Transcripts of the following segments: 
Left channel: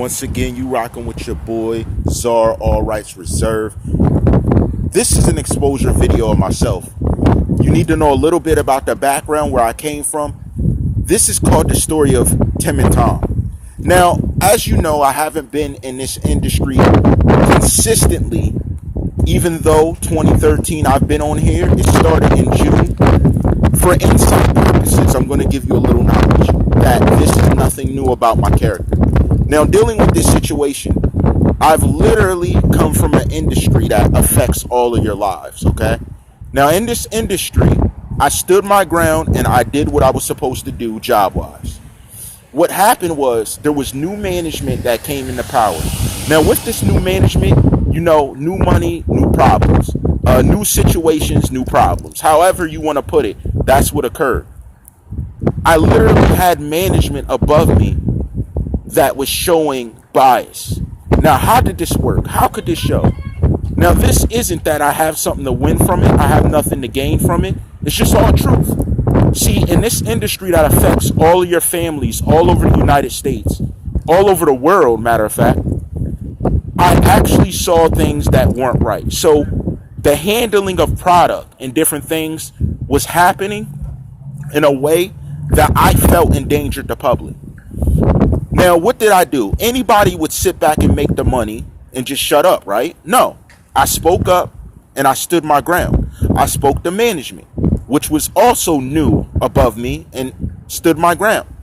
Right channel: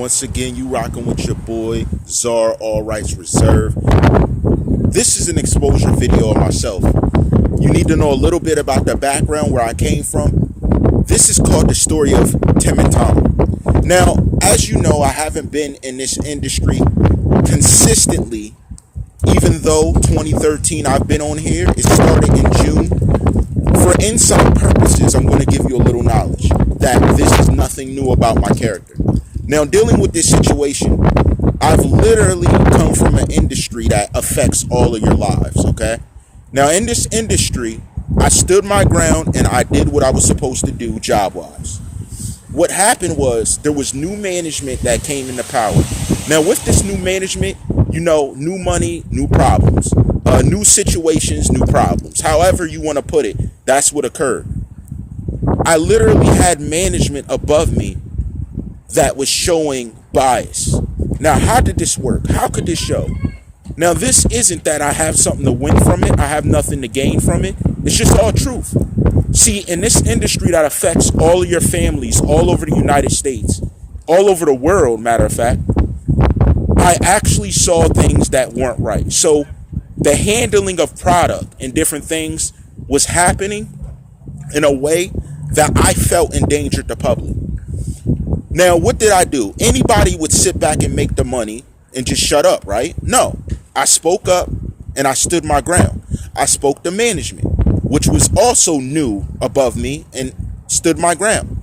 Once again, you rocking with your boy, TheCzarr, all rights reserved. This is an exposure video of myself. You need to know a little bit about the background where I came from. This is called the story of Tim and Tom. Now, as you know, I haven't been in this industry consistently, even though 2013 I've been on here. It started in June. For insight purposes, I'm going to give you a little knowledge that this is nothing new about my character. Now, dealing with this situation, I've literally come from an industry that affects all of your lives, okay? Now, in this industry, I stood my ground and I did what I was supposed to do job-wise. What happened was there was new management that came into power. Now, with this new management, you know, new money, new problems. New situations, new problems. However you want to put it, that's what occurred. I literally had management above me that was showing bias. Now, how did this work? How could this show? Now, this isn't that I have something to win from it. I have nothing to gain from it. It's just all truth. See, in this industry that affects all of your families all over the United States, all over the world, matter of fact, I actually saw things that weren't right. So the handling of product and different things was happening in a way that I felt endangered the public. Now, what did I do? Anybody would sit back and make the money and just shut up, right? No, I spoke up and I stood my ground. I spoke to management, which was also new above me, and stood my ground.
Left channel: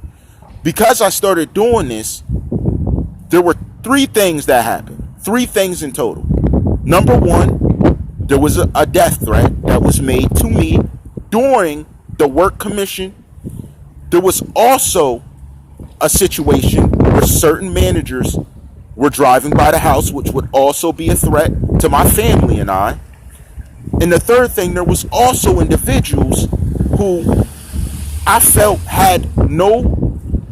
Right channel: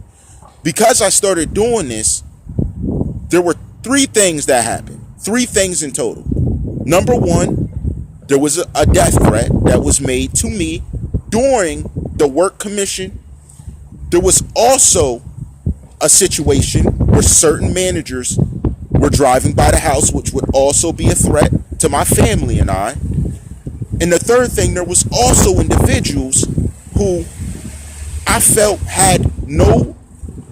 Because I started doing this, there were three things that happened. Three things in total. Number one, there was a death threat that was made to me during the work commission. There was also a situation where certain managers were driving by the house, which would also be a threat to my family and I. And the third thing, there was also individuals who I felt had no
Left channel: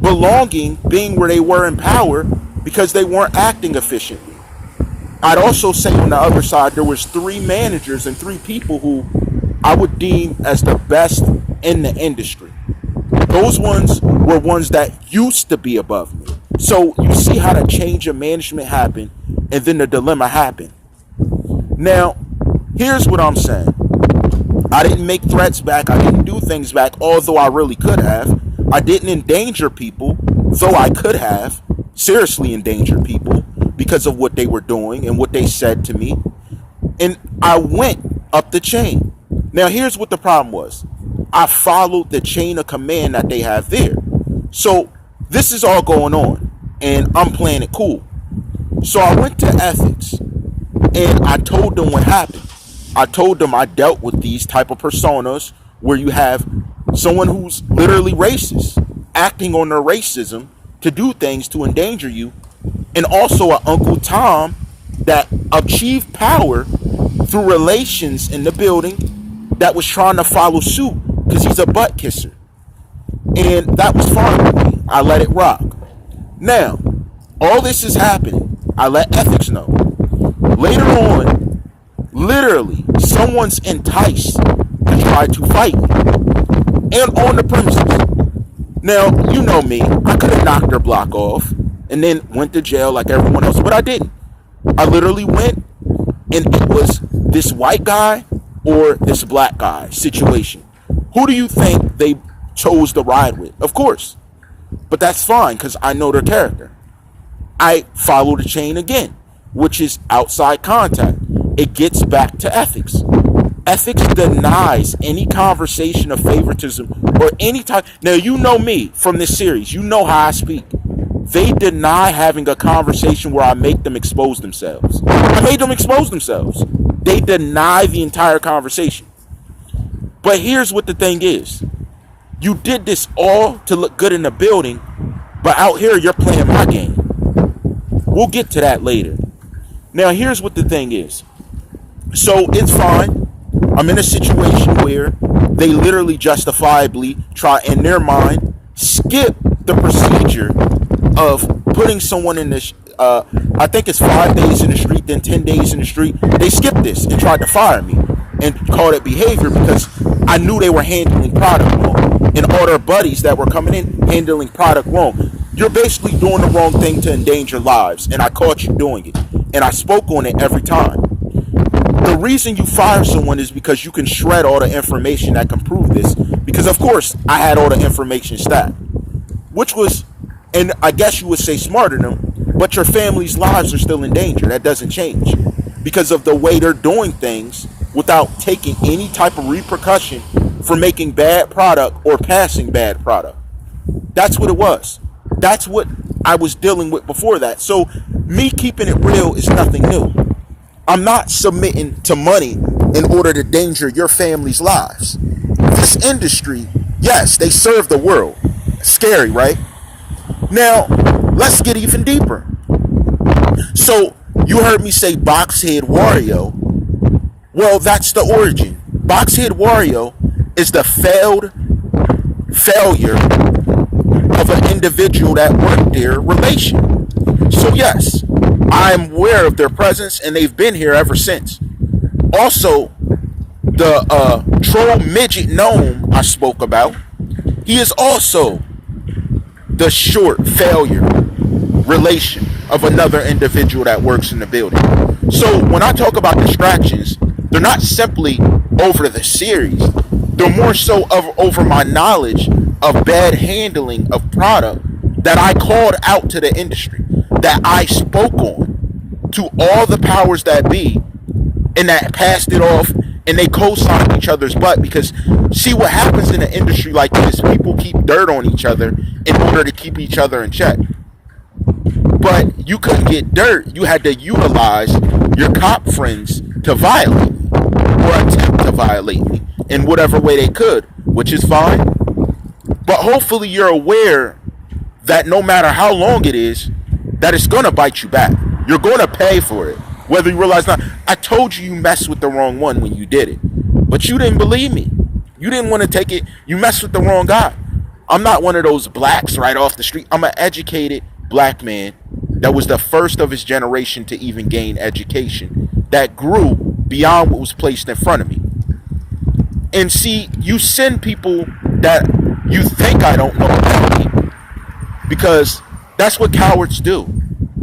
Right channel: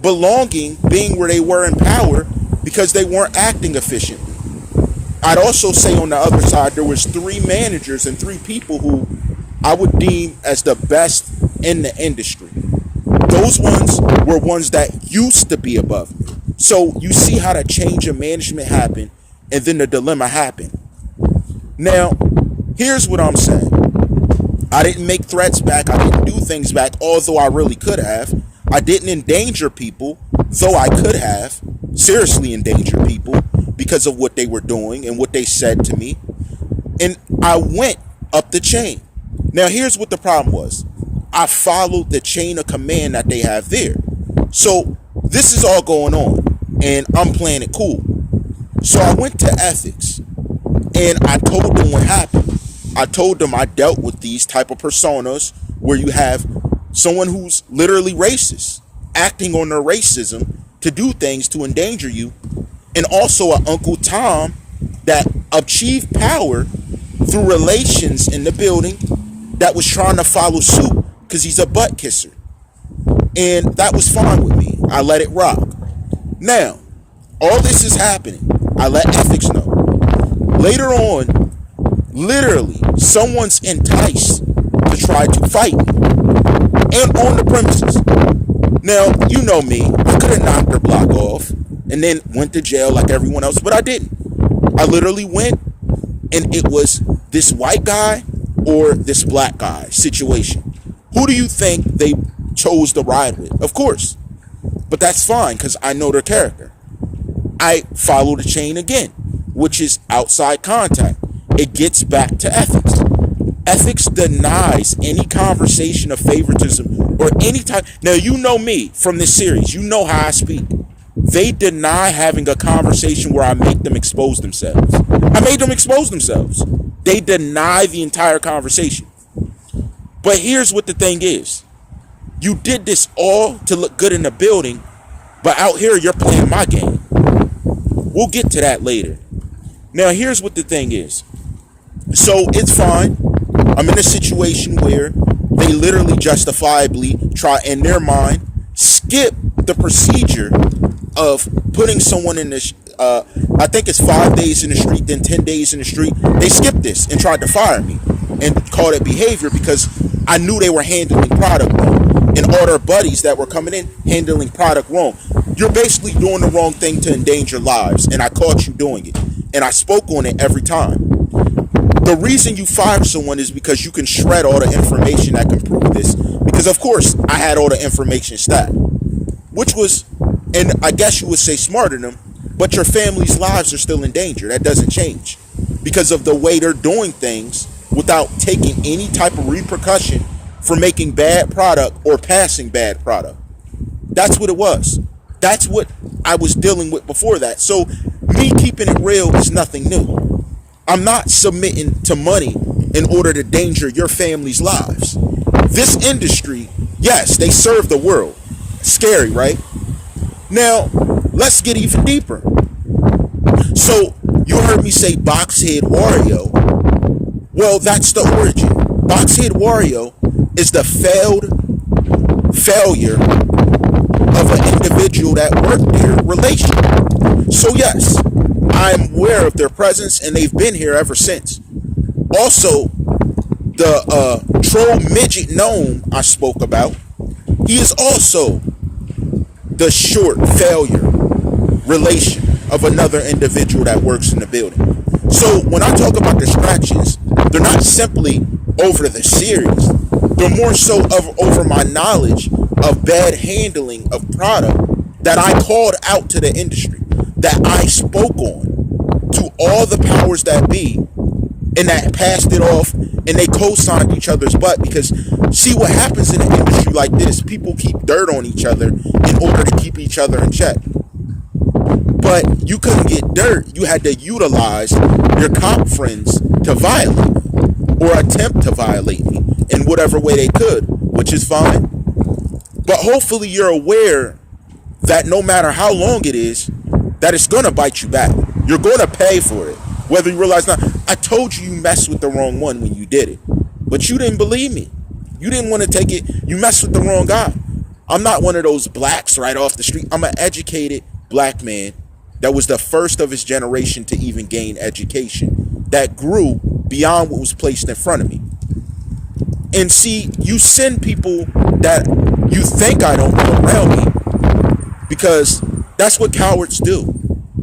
belonging being where they were in power because they weren't acting efficiently. I'd also say on the other side, there was three managers and three people who I would deem as the best in the industry. Those ones were ones that used to be above me. So you see how the change of management happened, and then the dilemma happened. Now, here's what I'm saying. I didn't make threats back. I didn't do things back, although I really could have. I didn't endanger people, though I could have seriously endangered people because of what they were doing and what they said to me. And I went up the chain. Now, here's what the problem was. I followed the chain of command that they have there. So this is all going on, and I'm playing it cool. So I went to ethics, and I told them what happened. I told them I dealt with these type of personas where you have someone who's literally racist, acting on their racism to do things to endanger you, and also an Uncle Tom that achieved power through relations in the building that was trying to follow suit because he's a butt kisser. And that was fine with me. I let it rock. Now, all this is happening. I let ethics know. Later on, literally, someone's enticed to try to fight me. And on the premises. Now, you know me. I could have knocked their block off and then went to jail like everyone else, but I didn't. I literally went, and it was this white guy or this black guy situation. Who do you think they chose to ride with? Of course. But that's fine because I know their character. I follow the chain again, which is outside contact. It gets back to ethics. Ethics denies any conversation of favoritism or any type. Now, you know me from this series. You know how I speak. They deny having a conversation where I make them expose themselves. I made them expose themselves. They deny the entire conversation. But here's what the thing is. You did this all to look good in the building, but out here you're playing my game. We'll get to that later. Now, here's what the thing is. So it's fine. I'm in a situation where they literally justifiably try, in their mind, skip the procedure of putting someone in this, I think it's 5 days in the street, then 10 days in the street. They skipped this and tried to fire me and called it behavior because I knew they were handling product wrong. And all their buddies that were coming in handling product wrong. you're basically doing the wrong thing to endanger lives, and I caught you doing it, and I spoke on it every time. The reason you fire someone is because you can shred all the information that can prove this, because of course I had all the information stacked, which was, and I guess you would say smarter than them, but your family's lives are still in danger. That doesn't change because of the way they're doing things without taking any type of repercussion for making bad product or passing bad product. That's what it was. That's what I was dealing with before that. So me keeping it real is nothing new. I'm not submitting to money in order to danger your family's lives. This industry, yes, they serve the world. Scary, right? Now, let's get even deeper. So, you heard me say Boxhead Wario. Well, that's the origin. Boxhead Wario is the failure of an individual that worked there relation. So yes, I'm aware of their presence and they've been here ever since. Also, the troll midget gnome I spoke about, he is also the short failure relation of another individual that works in the building. So when I talk about distractions, they're not simply over the series. They're more so over my knowledge of bad handling of product that I called out to the industry, that I spoke on to all the powers that be, and that passed it off, and they co-signed each other's butt. Because see what happens in an industry like this, people keep dirt on each other in order to keep each other in check. But you couldn't get dirt. You had to utilize your cop friends to violate me or attempt to violate me in whatever way they could, which is fine. But hopefully you're aware that no matter how long it is, that it's going to bite you back. You're going to pay for it, whether you realize or not. I told you messed with the wrong one when you did it, but you didn't believe me. You didn't want to take it. You messed with the wrong guy. I'm not one of those blacks right off the street. I'm an educated black man that was the first of his generation to even gain education, that grew beyond what was placed in front of me. And see, you send people that you think I don't know around me, because that's what cowards do.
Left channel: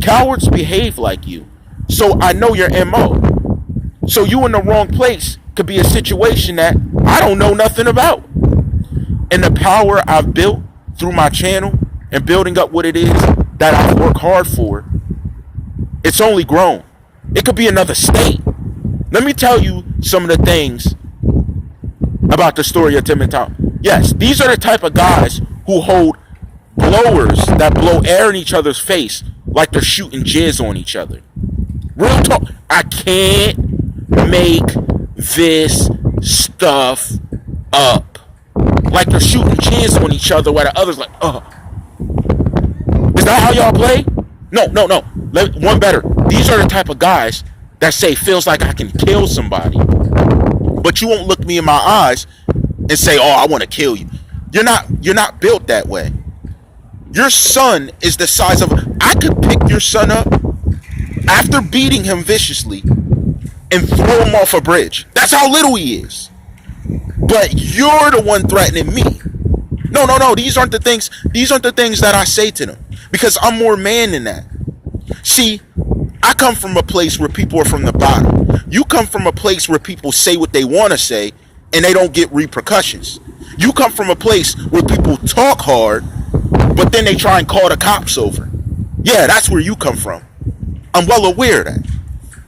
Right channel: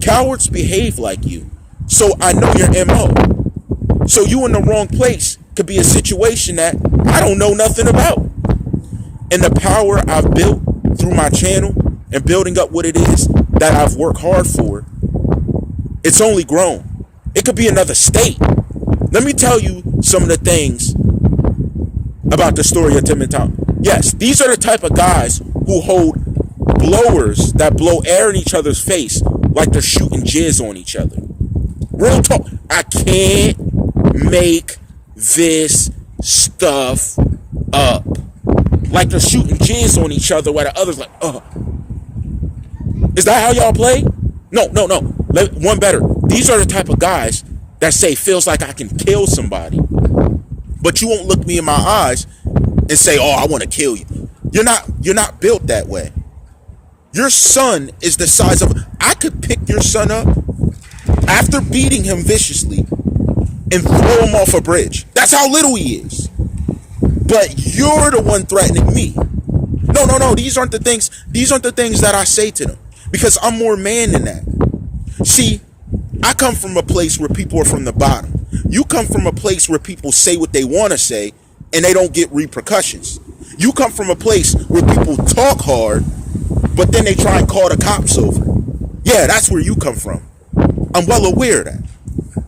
Cowards behave like you. So I know your MO. So you in the wrong place could be a situation that I don't know nothing about. And the power I've built through my channel and building up what it is that I've worked hard for, it's only grown. It could be another state. Let me tell you some of the things about the story of Tim and Tom. Yes, these are the type of guys who hold blowers that blow air in each other's face like they're shooting jizz on each other. Real talk. I can't make this stuff up. Like they're shooting jizz on each other while the other's like, Is that how y'all play? No. One better. These are the type of guys that say, feels like I can kill somebody. But you won't look me in my eyes and say, oh, I want to kill you. You're not built that way. Your son is the size of, I could pick your son up after beating him viciously and throw him off a bridge. That's how little he is. But you're the one threatening me. No. These aren't the things that I say to them, because I'm more man than that. See, I come from a place where people are from the bottom. You come from a place where people say what they want to say and they don't get repercussions. You come from a place where people talk hard, but then they try and call the cops over. Yeah, that's where you come from. I'm well aware of that.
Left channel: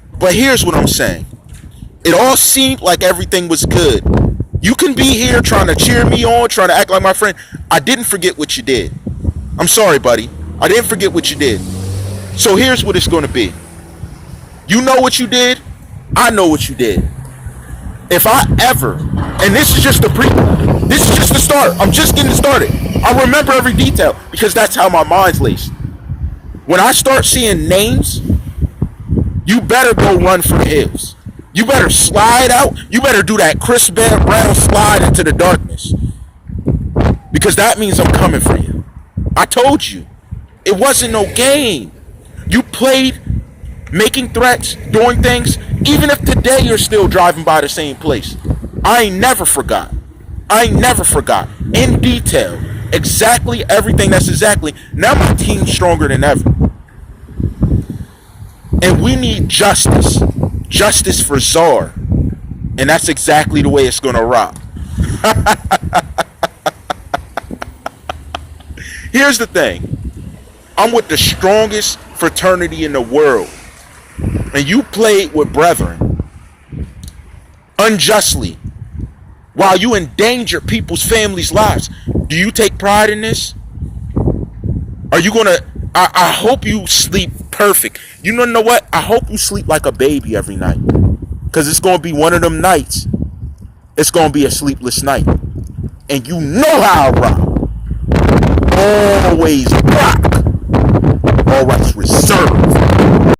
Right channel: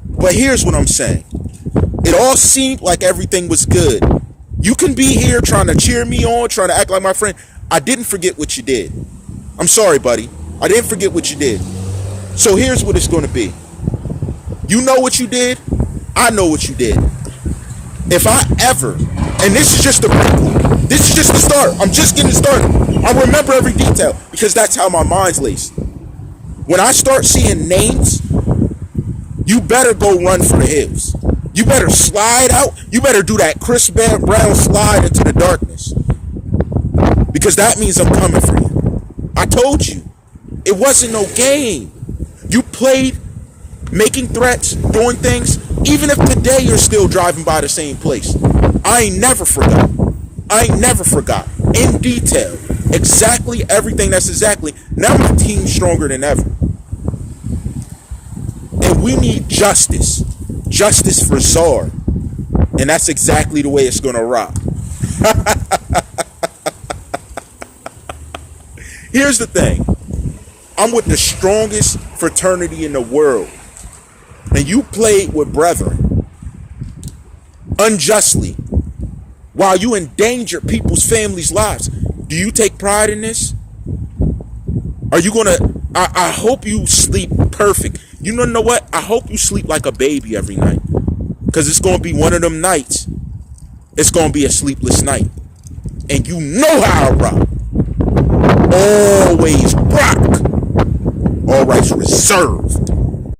But here's what I'm saying. It all seemed like everything was good. You can be here trying to cheer me on, trying to act like my friend. I didn't forget what you did. I'm sorry, buddy. I didn't forget what you did. So here's what it's going to be. You know what you did. I know what you did. If I ever, and this is just the prequel, this is just the start. I'm just getting started. I remember every detail because that's how my mind's laced. When I start seeing names, you better go run for the hills. You better slide out. You better do that Chris Brown slide into the darkness, because that means I'm coming for you. I told you. It wasn't no game. You played making threats, doing things, even if today you're still driving by the same place. I ain't never forgot. In detail. exactly everything. That's exactly. Now my team's stronger than ever. And we need justice. Justice for Czarr. And that's exactly the way it's going to rock. Here's the thing. I'm with the strongest fraternity in the world. And you played with brethren unjustly while you endanger people's families' lives. Do you take pride in this? Are you going to... I hope you sleep perfect. You know what? I hope you sleep like a baby every night. Because it's going to be one of them nights. It's going to be a sleepless night. And you know how I rock. Always rock. All rights reserved.